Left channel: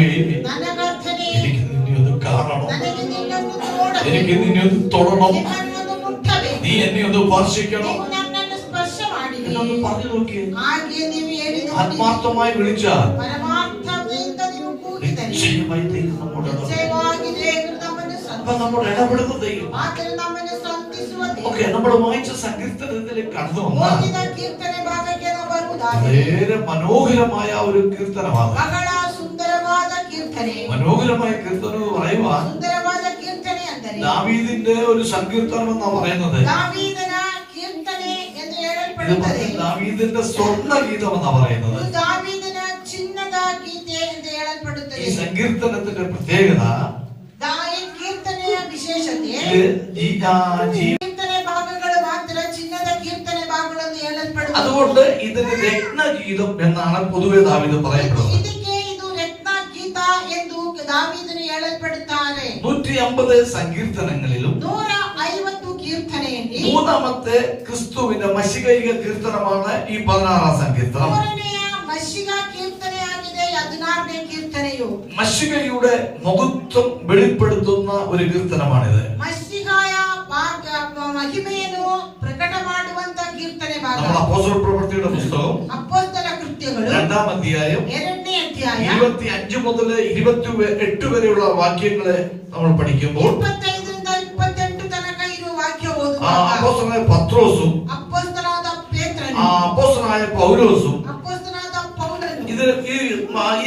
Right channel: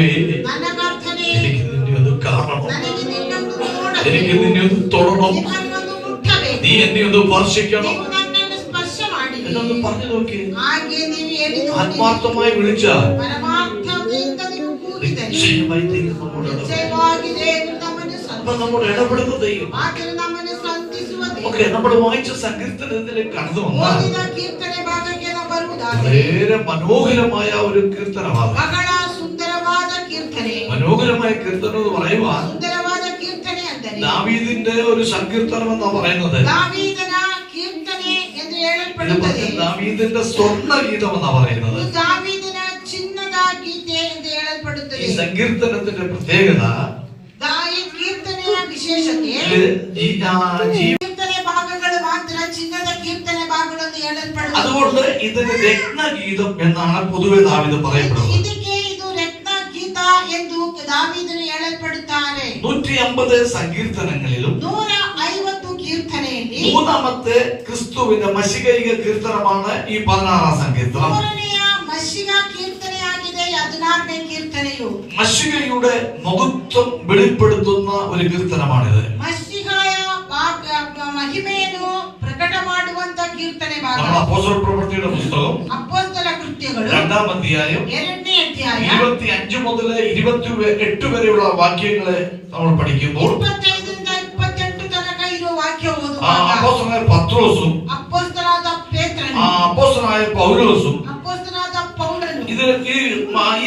കർത്താവേ, എനിക്ക് നിന്നെ ഒന്ന് കാണണം, എനിക്ക് നിന്നെ ഒന്ന് തൊടണം, നീ എന്നെ ഒന്ന് സ്പർശിക്കണം എന്നൊന്ന് പറഞ്ഞു നോക്കി. ആത്മാർത്ഥമായി വിളിച്ചാൽ നിശ്ചയമായി ദൈവം നമ്മോട് ഇടപെടുന്ന ദൈവം. ഓക്കെ, നമ്മൾ വായിച്ച സങ്കീർത്തനത്തിൽ കടന്നു വന്നാൽ വളരെ മനോഹരമായ ഒരു കീർത്തനമാണ്. മനോഹരമായ കീർത്തനം എന്ന് പറയുവാൻ ദാവീദിന്റെ ഒരു സങ്കീർത്തനം എന്നാ പറയുന്നത്. ദാവീദിന്റെ സ്വർണ്ണ ഗീതം എന്നാ പറയുന്നത്. ഈ സങ്കീർത്തനത്തിന്റെ പ്രത്യേകത അതുകൊണ്ട് ഇതിന് രത്നഗീതം എന്നാണ് പൊതുവെ ദാവീദ് പറയപ്പെടുന്നത്. 150 സങ്കീർത്തനങ്ങളിലും 3ാമത്തെ ക്രിസ്തുവിന്റെ മശികൈക കീർത്തനമാണ് ഈ 16ാം സങ്കീർത്തനം. മശികയുടെ മഹത്വം വെളിപ്പെടുത്തുന്ന ഒരു കീർത്തനമാണിത്. അപ്പോസ്തലപ്രവൃത്തിയുടെ പുസ്തകം 2-ാം അധ്യായം 25 മുതൽ 28 വരെയുള്ള വാക്യങ്ങളെ നമ്മൾ പഠിക്കുമ്പോൾ അപ്പോസ്തലനായ പത്രോസും അപ്പോസ്തലനായ പൗലോസും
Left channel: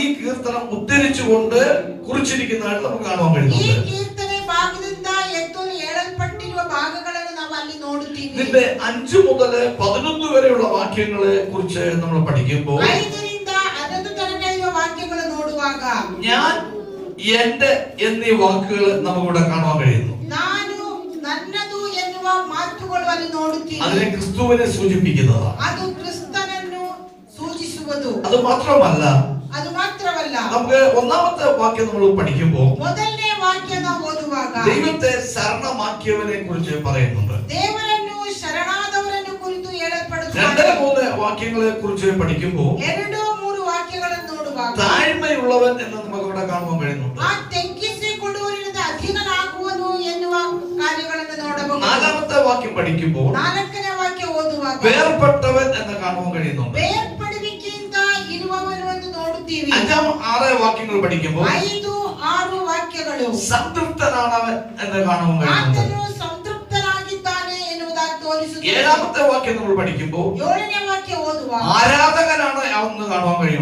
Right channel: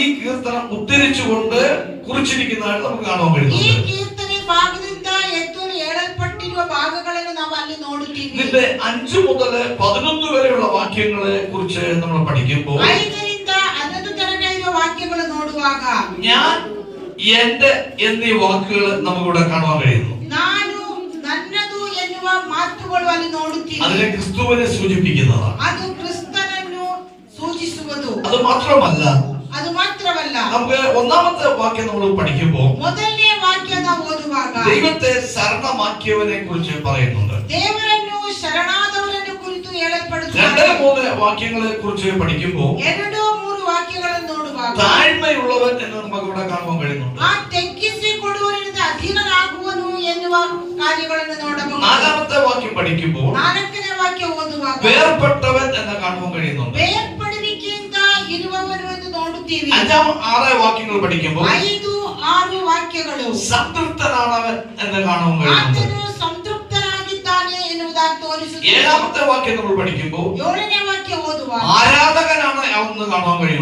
ഈ കീർത്തനം ഉദ്ധരിച്ചുകൊണ്ട് കുറിച്ചിരിക്കുന്നതായിട്ട് നമുക്ക് കാണാൻ കഴിയുന്നുണ്ട്. ഇതിന്റെ 5 മുതൽ 11 വരെയുള്ള വാക്യങ്ങളെ കുറിച്ച് നമ്മൾ പഠിക്കുമ്പോൾ ഞാൻ, എന്റെ എന്നീ വാക്കുകൾ നമുക്കിവിടെ കാണാൻ കഴിയുന്നു. അതിനെ ക്രിസ്തുവിനെ സൂചിപ്പിക്കുന്നതാണ്. അത് മാത്രമല്ല നമുക്ക് 1ാമത്തെ വാക്യം നമ്മൾ പഠിക്കുമ്പോൾ ദൈവത്തെ ശരണമാക്കിയവനെ കുറിച്ച് പറയുന്നുണ്ട്. 2-3 വാക്യങ്ങളെ കുറിച്ച് പഠിക്കുമ്പോൾ താഴ്മയുള്ളവൻ എന്ന് നമുക്ക് ഇവിടെ കാണാൻ കഴിയുന്നുണ്ട്. 4ാമത്തെ വാക്യം പഠിക്കുമ്പോൾ വേർപെട്ടവൻ എന്ന് കാണാൻ കഴിയുന്നുണ്ട്. 5-6 വാക്യങ്ങൾ പഠിക്കുമ്പോൾ സംതൃപ്തനാണവൻ എന്ന് കാണാൻ കഴിയുന്നുണ്ട്. 7ാമത്തെ വാക്യം നമ്മൾ പഠിക്കുമ്പോൾ ആരാധകനാണ് എന്ന് കാണാൻ കഴിയുന്നു.